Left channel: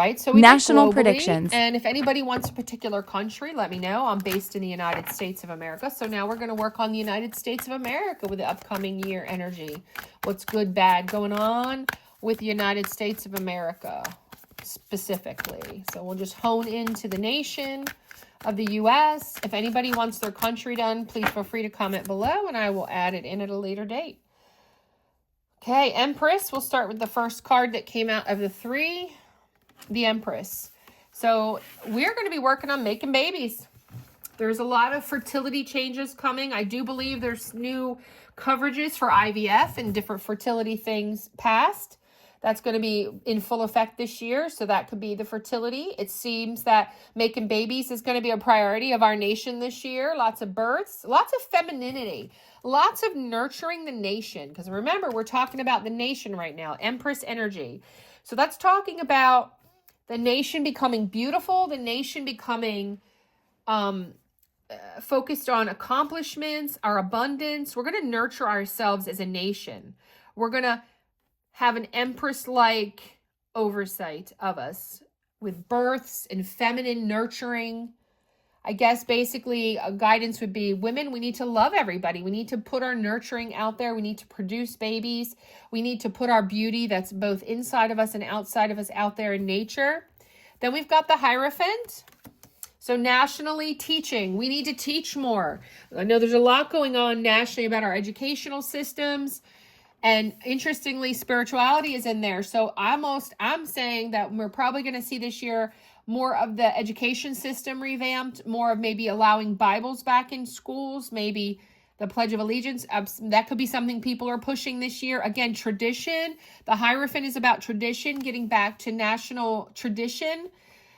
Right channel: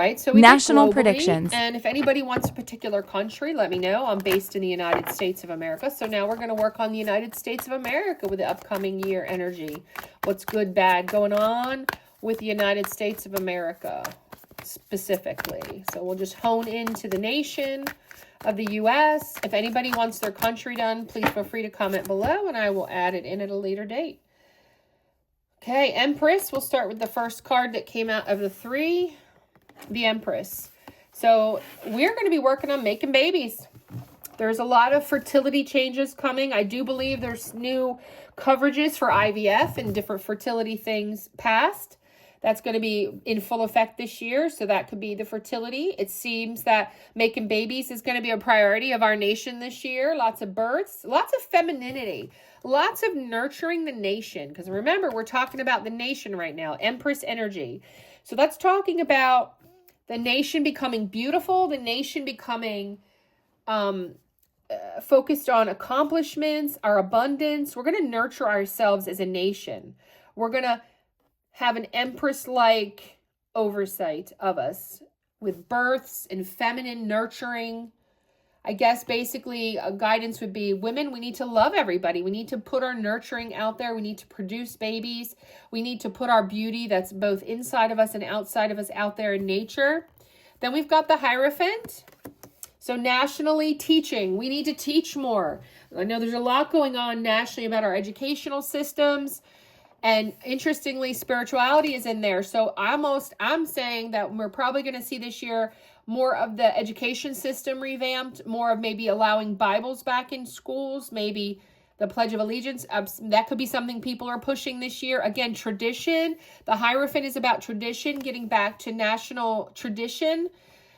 Right, so we National globally, predictions. and if anybody wants a particular country, let me know. I'm based in the United States of America, so now we're going to work on the United States of America with the upcoming year energy. What's good, bad going on with the United States of America specifically. So we'll just hone into the nation of the U.S. If anybody wants their country done, please feel free to comment below, and I will add it in at a later date. Okay, Empress, we'll start with the first card that came out of the three. The Empress. So we're going to be working on making babies. There's a lot of fertility changes coming. I do believe there's new coverages for IVF and different fertility things passed. That's going to be in full effect this year. So that could be the fertility. It seems that making babies is going to be a priority of our nation this year. Lots of births, lots of femininity, lots of nurturing the nation. Because remember, we're talking about the nation right now, Empress energy. So that's talking about the nation becoming beautiful, the nation becoming focused on accomplishments, our abundance. We're going to nurture ourselves as a nation. We're going to have an empress-like oversight of us with births and feminine nurturing. I guess basically a guidance would be, women, we need to love everybody. We need to put our nurturing out there. We need to produce babies. We need to put our beauty that's both inside of us and outside of us out there in nature. Then we've got the Hierophant. So nationally, teaching. We need to teach more. I know there's a lot going on nationally about our educational systems. And interestingly, spirituality is in there. So I'm saying that we're probably going to see this year more of the education system revamped, more of maybe allowing Bibles back in schools, maybe the Pledge of Allegiance. That could be something people are pushing this year. Again, tradition. The Hierophant is about tradition, getting back to national tradition.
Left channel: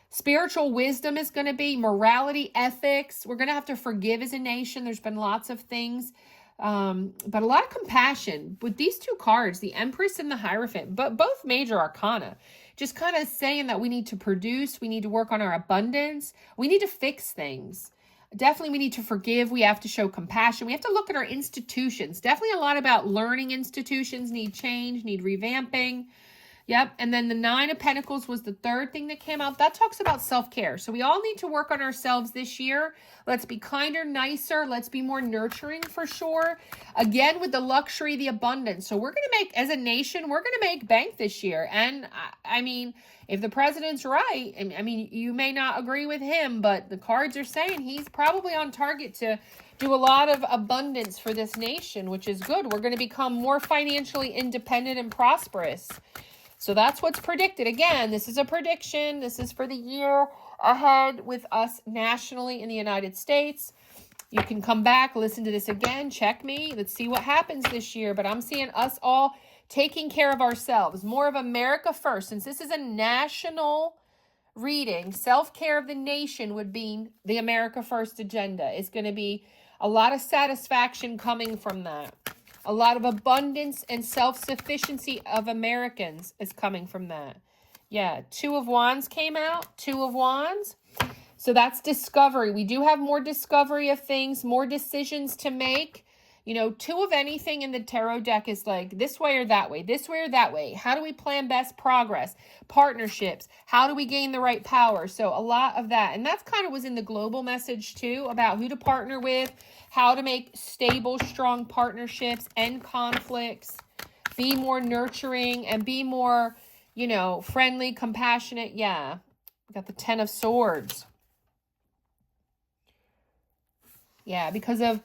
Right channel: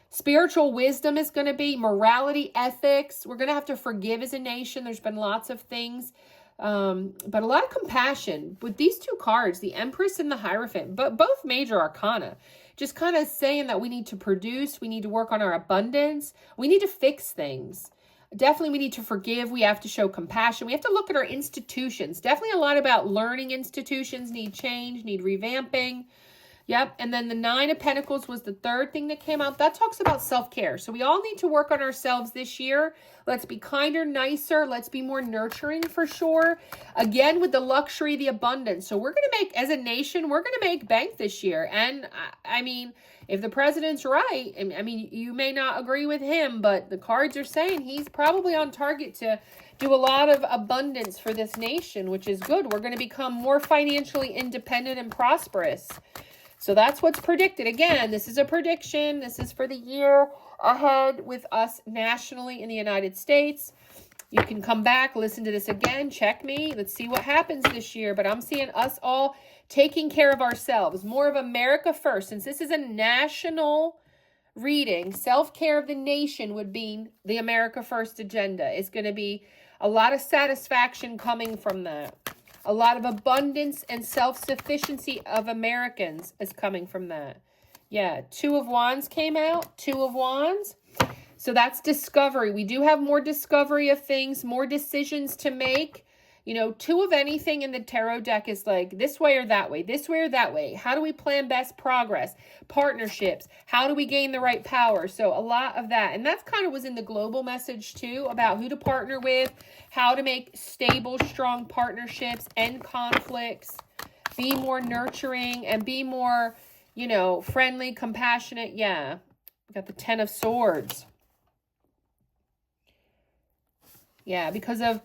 Spiritual wisdom is going to be morality, ethics. We're going to have to forgive as a nation. There's been lots of things, but a lot of compassion with these two cards, the Empress and the Hierophant, but both major arcana. Just kind of saying that we need to produce, we need to work on our abundance, we need to fix things. Definitely we need to forgive, we have to show compassion, we have to look at our institutions. Definitely a lot about learning institutions need change, need revamping. Yep, and then the Nine of Pentacles was the third thing that came out. That talks about self-care. So we all need to work on ourselves this year. Let's be kinder, nicer. Let's be more nurturing for sure. Again, with the luxury, the abundance. So we're going to make, as a nation, we're going to make bank this year. And I mean, if the president's right, I mean, you may not agree with him, but the cards are saying he's probably on target to do a lot of abundance for this nation, which is good. We're going to become more financially independent and prosperous. So that's what's predicted. Again, this is a prediction. This is for the year ahead with us nationally in the United States. You can come back, listen to this again, check me. Let's see what happens this year. But I'm seeing us all taking care of ourselves. More of America first. Since this is a national reading, self-care of the nation would be the America First agenda. It's going to be a lot of satisfaction coming from that. A lot of abundance and self-sufficiency of Americans is coming from that. Yeah, Two of Wands came out. Two of Wands. So that's discovery. We do have more discovery of things, more decisions to make. You know, two of anything in the tarot deck is like this way or that way, this way or that way. How do we plan best progress? Partnerships. How do we gain the right power? So a lot of that. And that's kind of was in the global message too about who to partner with, how to make stable, strong partnerships, end conflicts, be more nurturing and be more, you know, friendly, compassionate. Yeah. We got the Ten of Swords. Yeah, because of,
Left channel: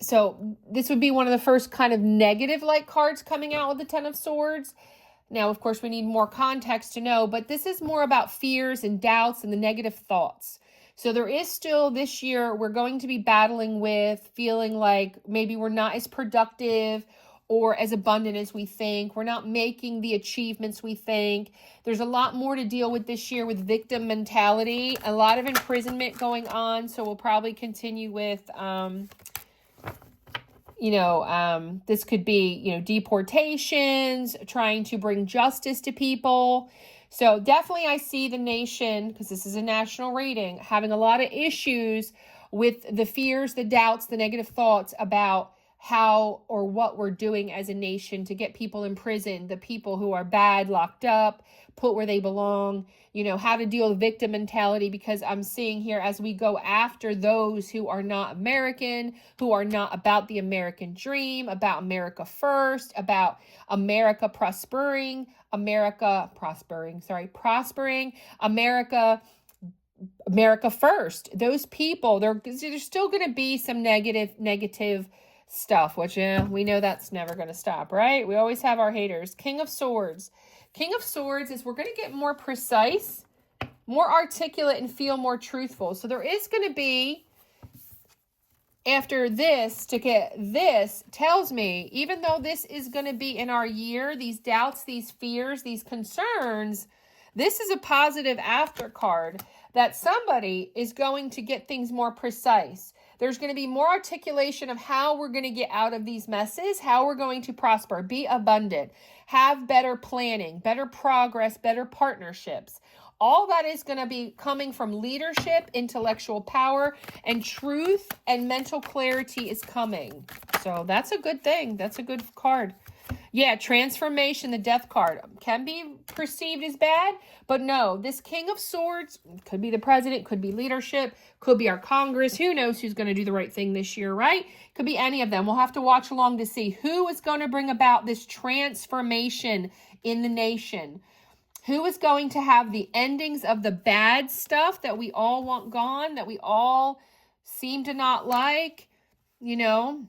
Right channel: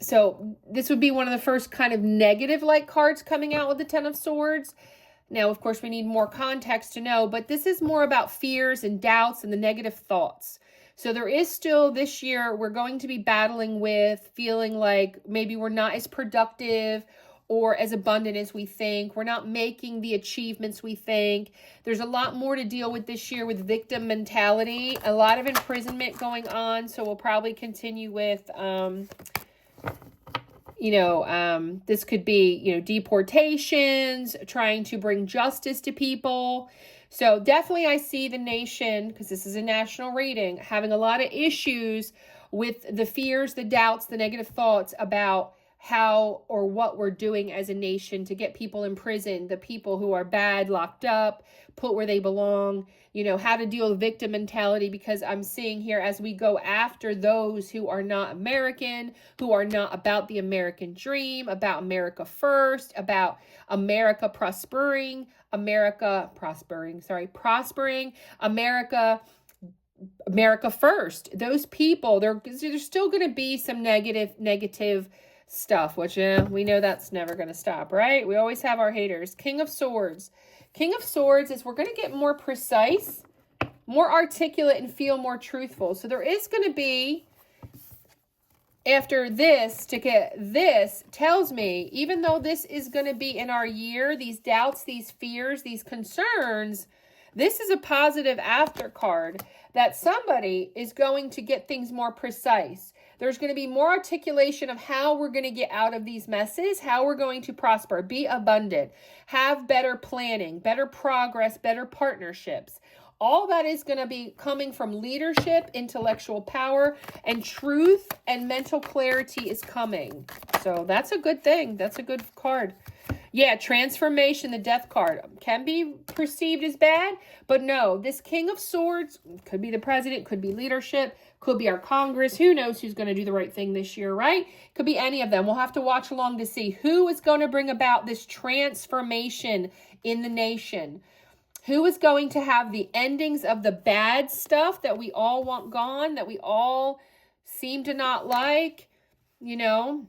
so this would be one of the first kind of negative-like cards coming out with the Ten of Swords. Now, of course, we need more context to know, but this is more about fears and doubts and the negative thoughts. So there is still this year, we're going to be battling with feeling like maybe we're not as productive or as abundant as we think. We're not making the achievements we think. There's a lot more to deal with this year with victim mentality, a lot of imprisonment going on. So we'll probably continue with, this could be, deportations, trying to bring justice to people. So definitely I see the nation, because this is a national reading, having a lot of issues with the fears, the doubts, the negative thoughts about how or what we're doing as a nation to get people in prison, the people who are bad locked up, put where they belong, you know, how to deal with victim mentality, because I'm seeing here as we go after those who are not American, who are not about the American dream, about America first, about America prospering, America first. Those people, there's still going to be some negative stuff, which we know that's never going to stop, right? We always have our haters. King of Swords. King of Swords is we're going to get more precise, more articulate, and feel more truthful. So there is going to be, after this, to get this, tells me, even though this is going to be in our year, these doubts, these fears, these concerns, this is a positive after card that somebody is going to get things more precise. There's going to be more articulation of how we're going to get out of these messes, how we're going to prosper, be abundant, have better planning, better progress, better partnerships. All that is going to be coming from leadership, intellectual power, and truth and mental clarity is coming. So that's a good thing. That's a good card. Yeah, transformation, the death card, can be perceived as bad, but no, this King of Swords could be the president, could be leadership, could be our Congress. Who knows who's going to do the right thing this year, right? Could be any of them. We'll have to watch along to see who is going to bring about this transformation in the nation. Who is going to have the endings of the bad stuff that we all want gone, that we all seem to not like, you know,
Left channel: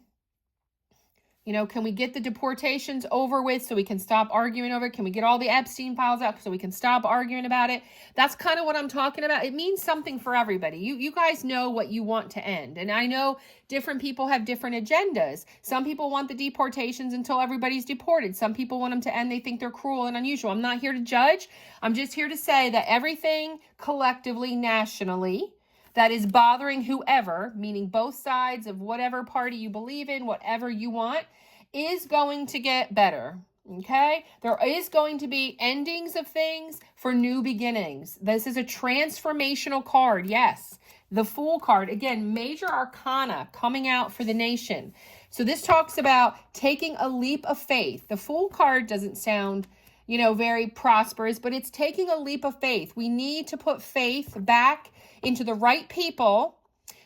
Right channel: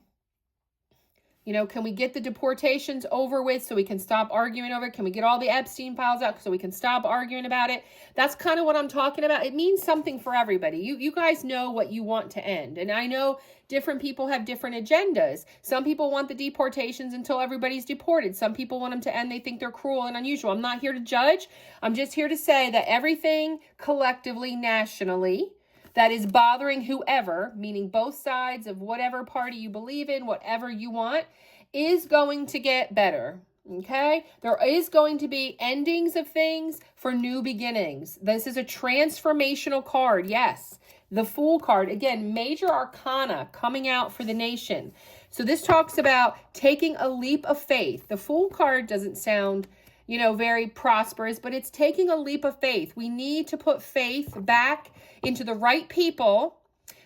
can we get the deportations over with so we can stop arguing over it? Can we get all the Epstein files out so we can stop arguing about it? That's kind of what I'm talking about. It means something for everybody. You guys know what you want to end. And I know different people have different agendas. Some people want the deportations until everybody's deported. Some people want them to end. They think they're cruel and unusual. I'm not here to judge. I'm just here to say that everything collectively, nationally, that is bothering whoever, meaning both sides of whatever party you believe in, whatever you want, is going to get better, okay? There is going to be endings of things for new beginnings. This is a transformational card, yes. The Fool card, again, major arcana coming out for the nation. So this talks about taking a leap of faith. The Fool card doesn't sound, very prosperous, but it's taking a leap of faith. We need to put faith back into the right people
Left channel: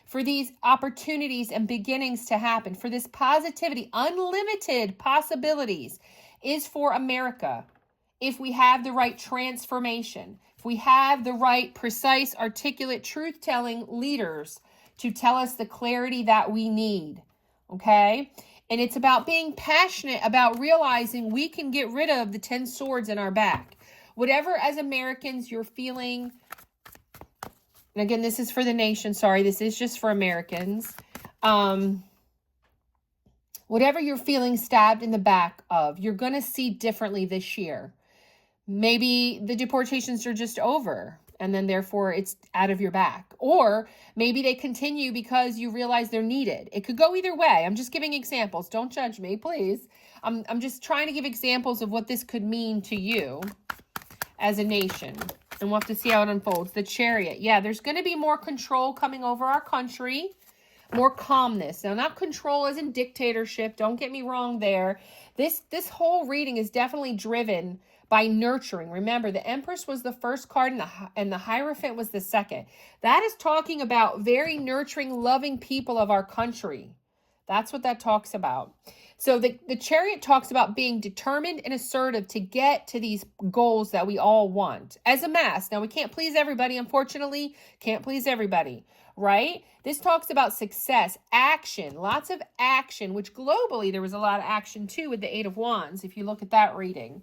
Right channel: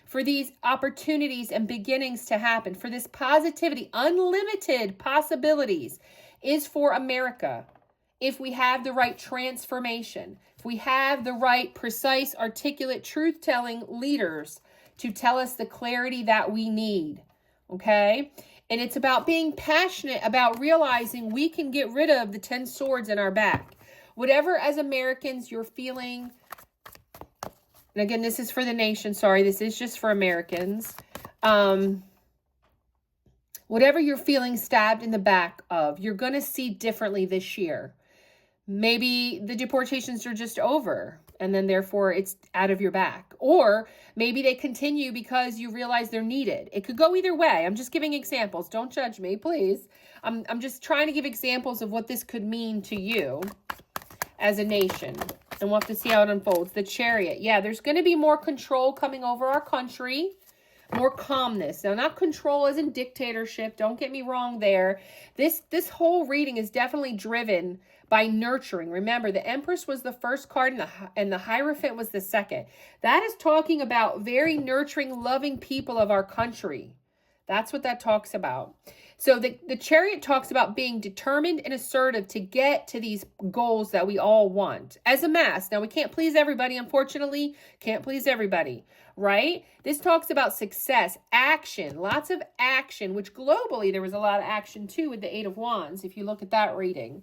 for these opportunities and beginnings to happen, for this positivity. Unlimited possibilities is for America if we have the right transformation, if we have the right, precise, articulate, truth-telling leaders to tell us the clarity that we need, okay? And it's about being passionate about realizing we can get rid of the 10 swords in our back. Whatever, as Americans, you're feeling. And again, this is for the nation. Sorry, this is just for Americans. Whatever you're feeling stabbed in the back of, you're going to see differently this year. Maybe the deportations are just over, and then therefore it's out of your back. Or maybe they continue because you realize they're needed. It could go either way. I'm just giving examples. Don't judge me, please. I'm just trying to give examples of what this could mean to you as a nation. And we'll have to see how it unfolds. The Chariot. Yeah, there's going to be more control coming over our country. More calmness. Now, not control as in dictatorship. Don't get me wrong there. This whole reading is definitely driven by nurturing. Remember, the Empress was the first card and the Hierophant was the second. That is talking about very nurturing, loving people of our country. That's what that talks about. So the Chariot talks about being determined and assertive to get to these goals that we all want as a mass. Now, we can't please everybody, unfortunately. Can't please everybody, right? This talks about success, action, lots of action, which globally there was a lot of action too with the Eight of Wands, if you look at that reading.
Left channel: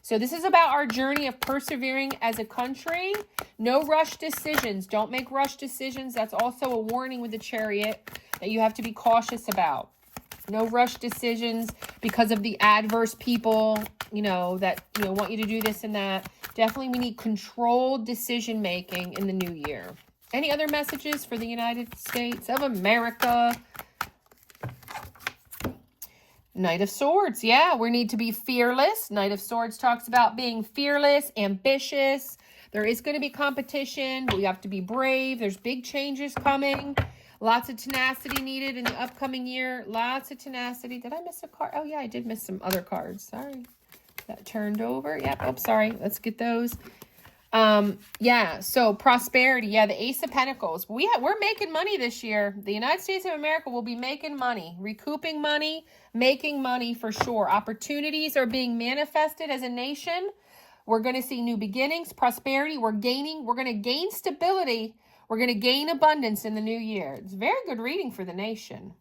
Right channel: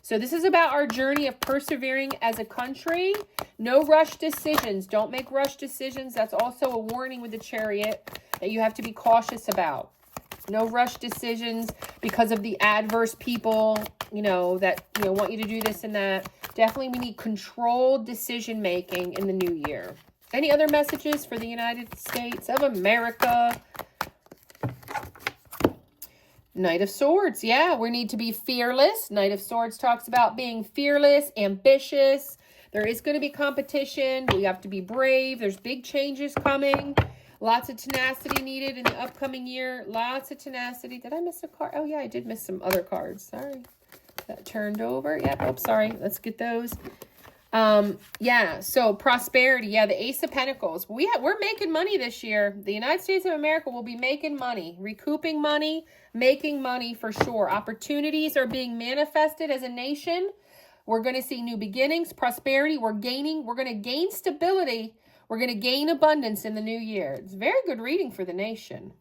So this is about our journey of persevering as a country. No rush decisions. Don't make rush decisions. That's also a warning with the Chariot that you have to be cautious about. No rush decisions because of the adverse people, that, want you to do this and that. Definitely we need controlled decision making in the new year. Any other messages for the United States of America? Knight of Swords. Yeah, we need to be fearless. Knight of Swords talks about being fearless, ambitious. There is going to be competition. We have to be brave. There's big changes coming. Lots of tenacity needed in the upcoming year. Lots of tenacity. Did I miss a card? Oh, yeah, I did miss some other cards. Sorry. That turned over. Yeah, oh, sorry. Let's get those. Yeah, so prosperity. Yeah, the Ace of Pentacles. We're making money this year. The United States of America will be making money, recouping money, making money for sure. Opportunities are being manifested as a nation. We're going to see new beginnings, prosperity. We're going to gain stability. We're going to gain abundance in the new year. It's very good reading for the nation.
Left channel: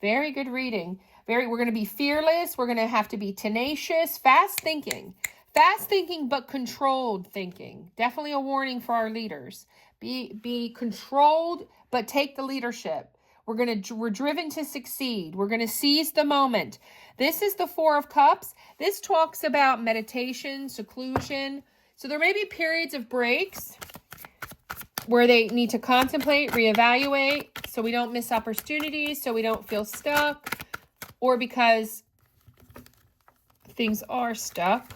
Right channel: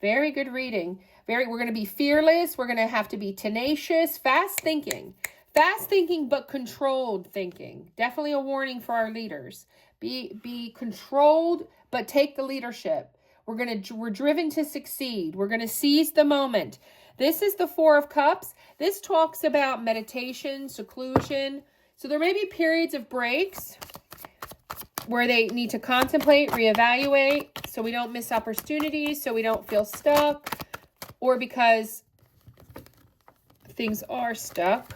Very good reading. We're going to be fearless. We're going to have to be tenacious, fast thinking. Fast thinking, but controlled thinking. Definitely a warning for our leaders. Be controlled, but take the leadership. We're driven to succeed. We're going to seize the moment. This is the Four of Cups. This talks about meditation, seclusion. So there may be periods of breaks where they need to contemplate, reevaluate, so we don't miss opportunities, so we don't feel stuck, or because things are stuck.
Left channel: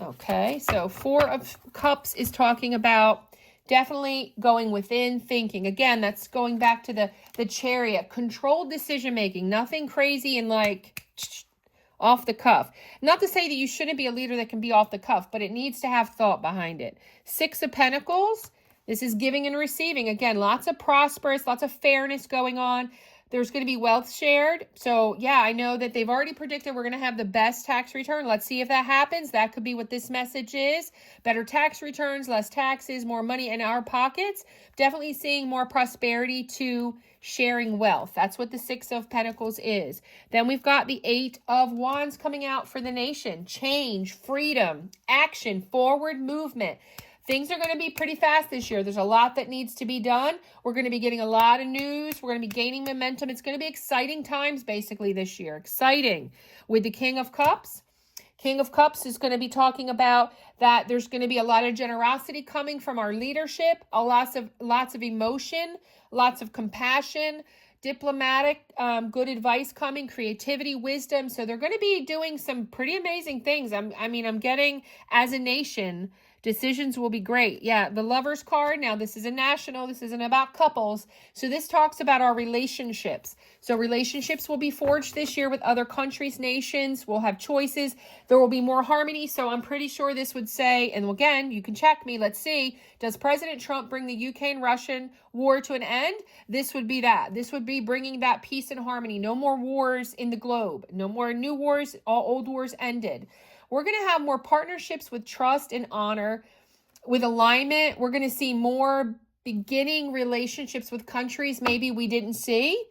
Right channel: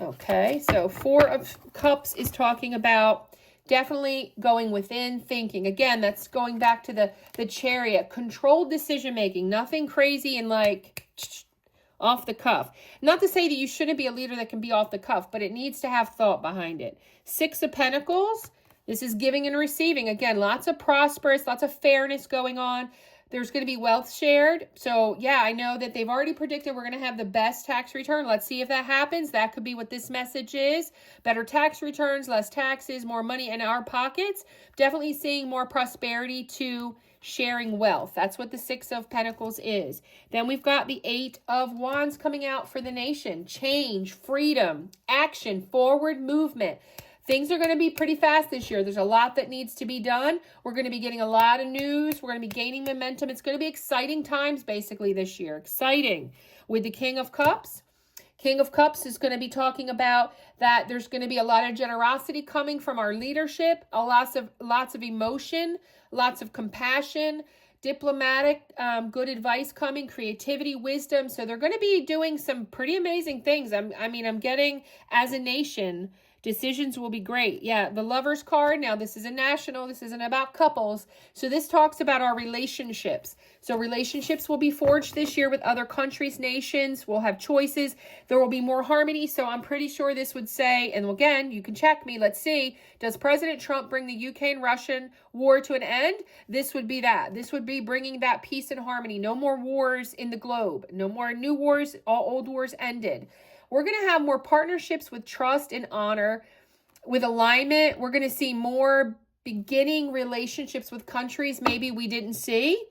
Okay, so Four of Cups is talking about definitely going within, thinking. Again, that's going back to the Chariot. Controlled decision-making. Nothing crazy and like off the cuff. Not to say that you shouldn't be a leader that can be off the cuff, but it needs to have thought behind it. Six of Pentacles. This is giving and receiving. Again, lots of prosperous, lots of fairness going on. There's going to be wealth shared. So, yeah, I know that they've already predicted we're going to have the best tax return. Let's see if that happens. That could be what this message is. Better tax returns, less taxes, more money in our pockets. Definitely seeing more prosperity to sharing wealth. That's what the Six of Pentacles is. Then we've got the Eight of Wands coming out for the nation. Change, freedom, action, forward movement. Things are going to be pretty fast this year. There's a lot that needs to be done. We're going to be getting a lot of news. We're going to be gaining momentum. It's going to be exciting times basically this year. Exciting. With the King of Cups. King of Cups is going to be talking about that there's going to be a lot of generosity coming from our leadership, lots of emotion, lots of compassion, diplomatic, good advice coming, creativity, wisdom. So they're going to be doing some pretty amazing things. I'm getting, as a nation, decisions will be great. Yeah, the Lovers card. Now, this is a national. This isn't about couples. So this talks about our relationships. So relationships will be forged this year with other countries, nations. We'll have choices. There will be more harmony. So I'm pretty sure this would say, and again, you can check me. Let's see. Does President Trump bring the UK and Russian war to an end? This would be that. This would be bringing that peace and harmony. No more wars in the globe. No more new wars. All old wars ended. We're going to have more partnerships with trust and honor, with alignment. We're going to see more beginning relationships with countries maybe we didn't see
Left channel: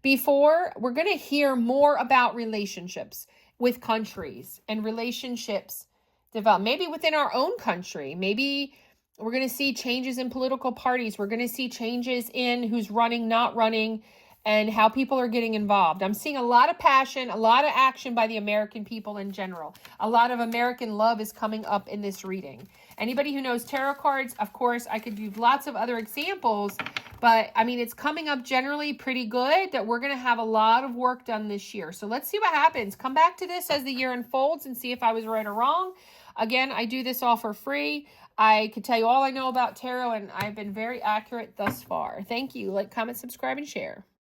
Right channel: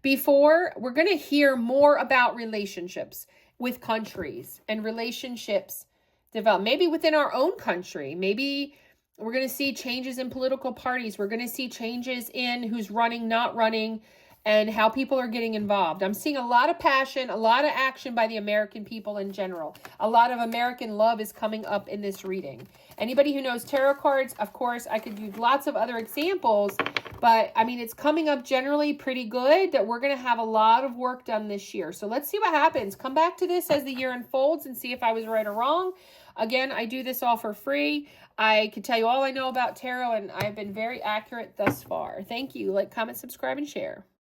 before. We're going to hear more about relationships with countries and relationships develop. Maybe within our own country. Maybe we're going to see changes in political parties. We're going to see changes in who's running, not running, and how people are getting involved. I'm seeing a lot of passion, a lot of action by the American people in general. A lot of American love is coming up in this reading. Anybody who knows tarot cards, of course, I could use lots of other examples, but I mean, it's coming up generally pretty good that we're going to have a lot of work done this year. So let's see what happens. Come back to this as the year unfolds and see if I was right or wrong. Again, I do this all for free. I could tell you all I know about tarot, and I've been very accurate thus far. Thank you. Like, comment, subscribe, and share.